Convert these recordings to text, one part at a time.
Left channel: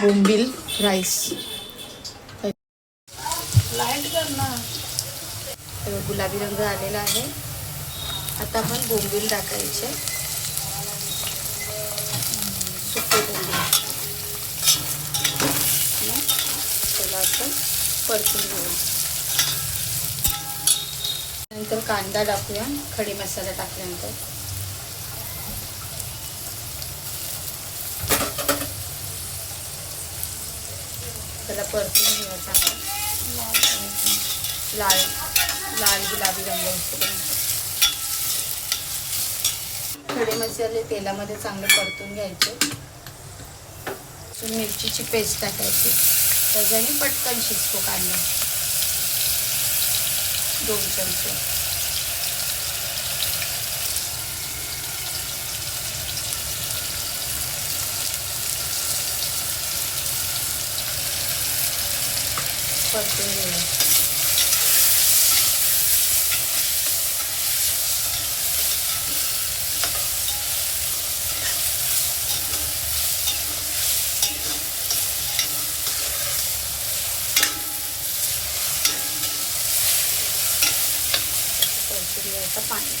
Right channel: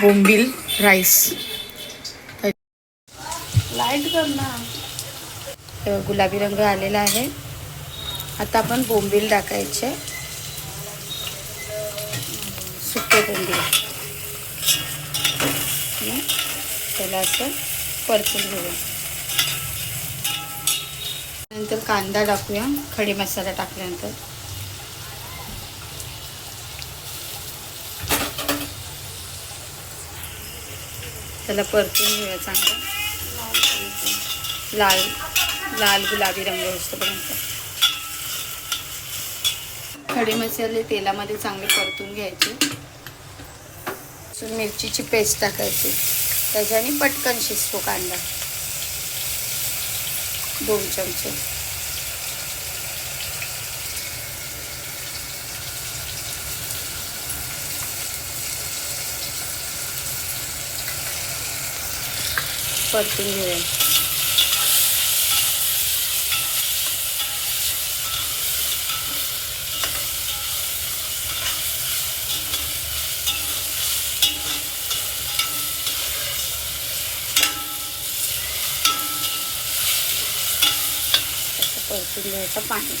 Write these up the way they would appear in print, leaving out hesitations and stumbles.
बोंबील rice light करणार. गुलाबी रंग आलेला आहे. आता आपण बोंबील टाकायचे, सुके बोंबील. त्याला असं परतून घेऊया. नंतर कांदा टाकूया खडी मसाला टाकल्यानंतर. त्याला परतून घेऊया चांगलं, लाल लाल गुलाबी रंग होईपर्यंत. खडे मसाले तेलामध्ये चांगले परतून घ्यायचे. मिरचीची पेस्ट टाकायची, त्याच्याने पटकन शिजतो कांदा. 2 चमचे. परतून घेऊया. परतून घ्यायचं पाणी.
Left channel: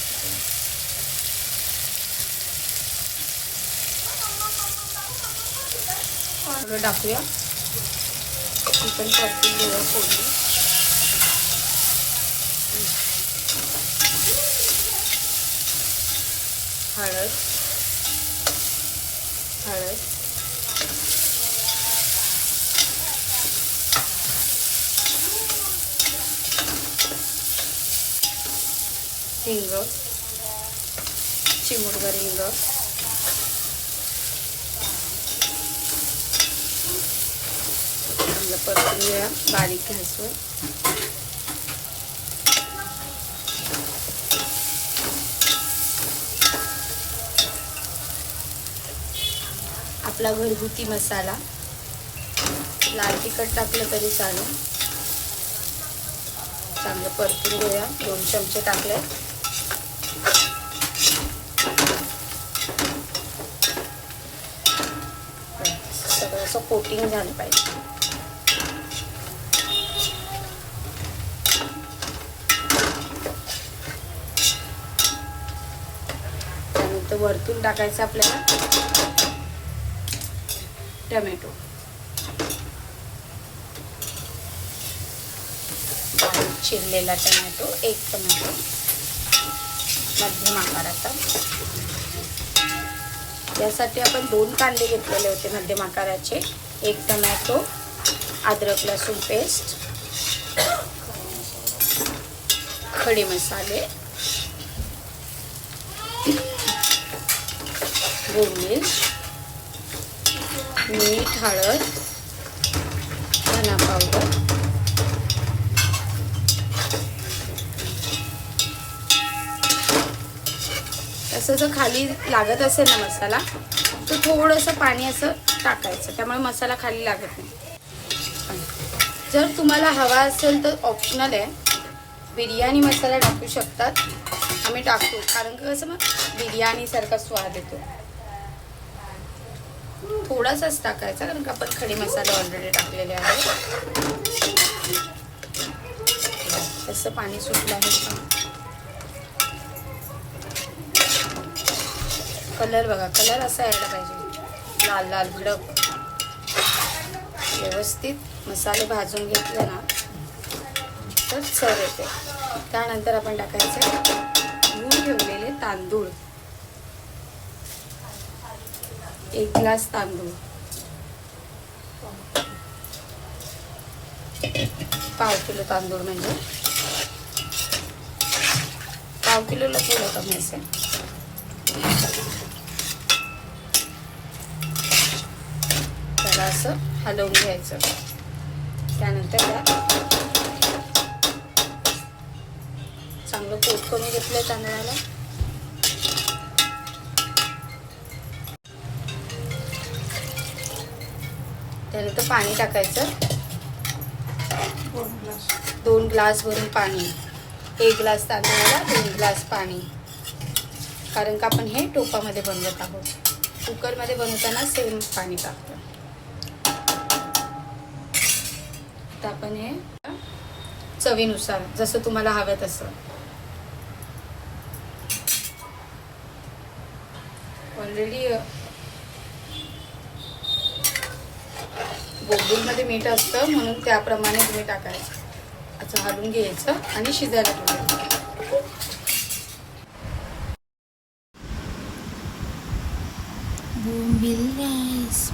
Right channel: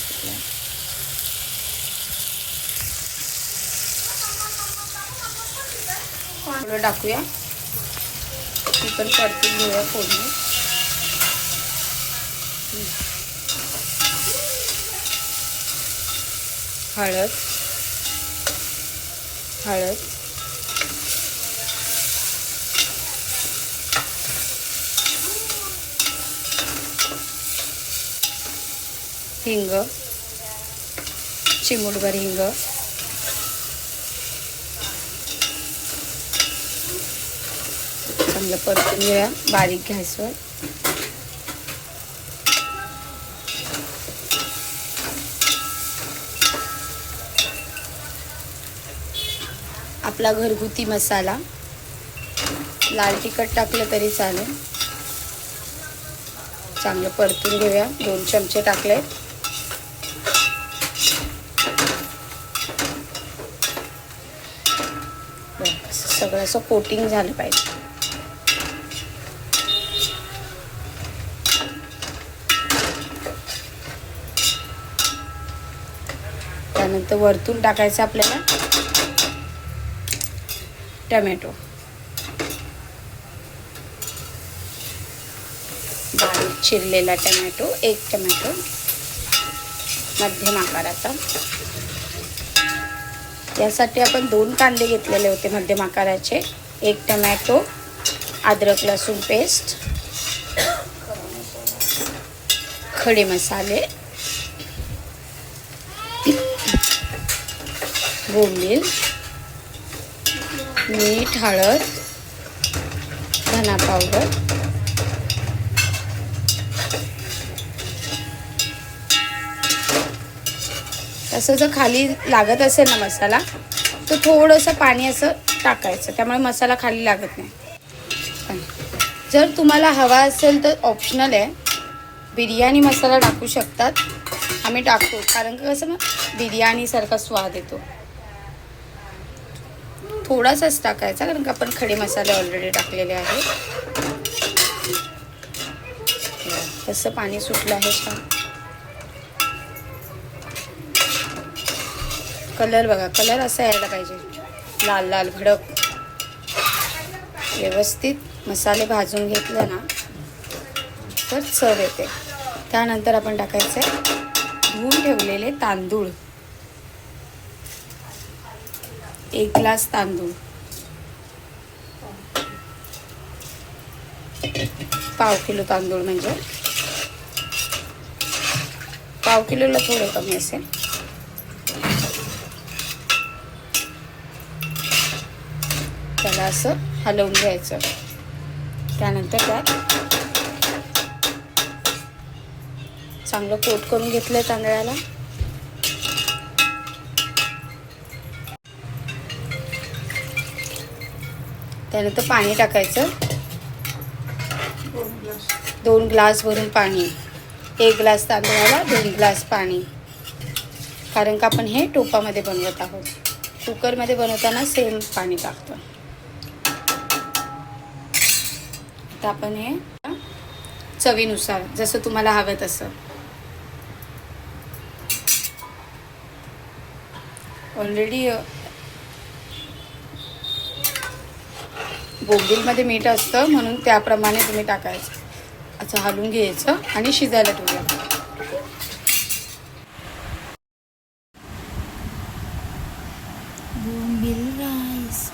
टाकूया. ती पण परतून घेऊया फोडणी. हळद हिंग, चिमूटभर हिंग. चांगलं परतून घेऊया बारीक गॅसवर. आपला घरगुती मसाला, लाल तिखट टाकलं तरी चालेल. चांगलं परतून घेऊया. 2 चमचे टाकले. सगळं असं कोटिंग झालं पाहिजे. त्यानंतर वरतून टाकायचं आपल्याला टमॅटो. बारीक चिरलेला टमॅटो, 1 टमॅटो मध्यम आकाराचा. यासाठी आपण 2 कांदे घेतलेले होते मध्यम आकाराचे. 1 टमॅटो, अद्रक लसूण पेस्ट, खडे मसाले, बोंबील, मीठ, हळद, धना पावडर, असं जर खाली लागत असेल ना मसाला, तर थोडंसं पाणी असं टाकायचं, त्यामुळे मसाला खाली लागत नाही. जर तुम्हाला हवा असेल तर ऑप्शनल आहे, बिर्याणी मसाला टाकू शकतात. आम्ही टाकतो कारण की कसं मग बिर्याणीसारखा स्वाद येतो. थोडासाच टाकायचा कारण की आपण खडे मसाले ऑलरेडी टाकलेले आहेत. कसं पाणी सुटलं आहे का. कलर बघा, कलर असा यायला पाहिजे, लाल लाल भडक. व्यवस्थित मसाले भाजून घेतले ना तर चव येते. त्यानंतर आपण टाकायचं धुवून ठेवलेले तांदूळ, 1 ग्लास तांदूळ, पाव किलो तांदूळ, म्हणजे पाव किलोला थोडं कमी असेल. त्याला असं हलवून घ्यायचं. त्यानंतर काय चांगलं कोट करून घेतलं तांदळाला. त्यानंतर पाणी टाकायचं. 2 ग्लास भरून पाणी. 1 ग्लास तांदळाला 2 ग्लास पाणी. कारण का आपण हे टोपामध्ये बनवत आहोत. कुकरमध्ये बनवताना सेम पाणी टाकतो. आता आपण हे चवीनुसार जसं तुम्हाला हवं तसं. ऑलरेडी बोंबीलमध्ये मीठ असतं म्हणून त्याप्रमाणे तुम्ही टाकायचं. असं हलवून घ्यायचं आणि शिजायला ठेवायचं. बोंबील राईस.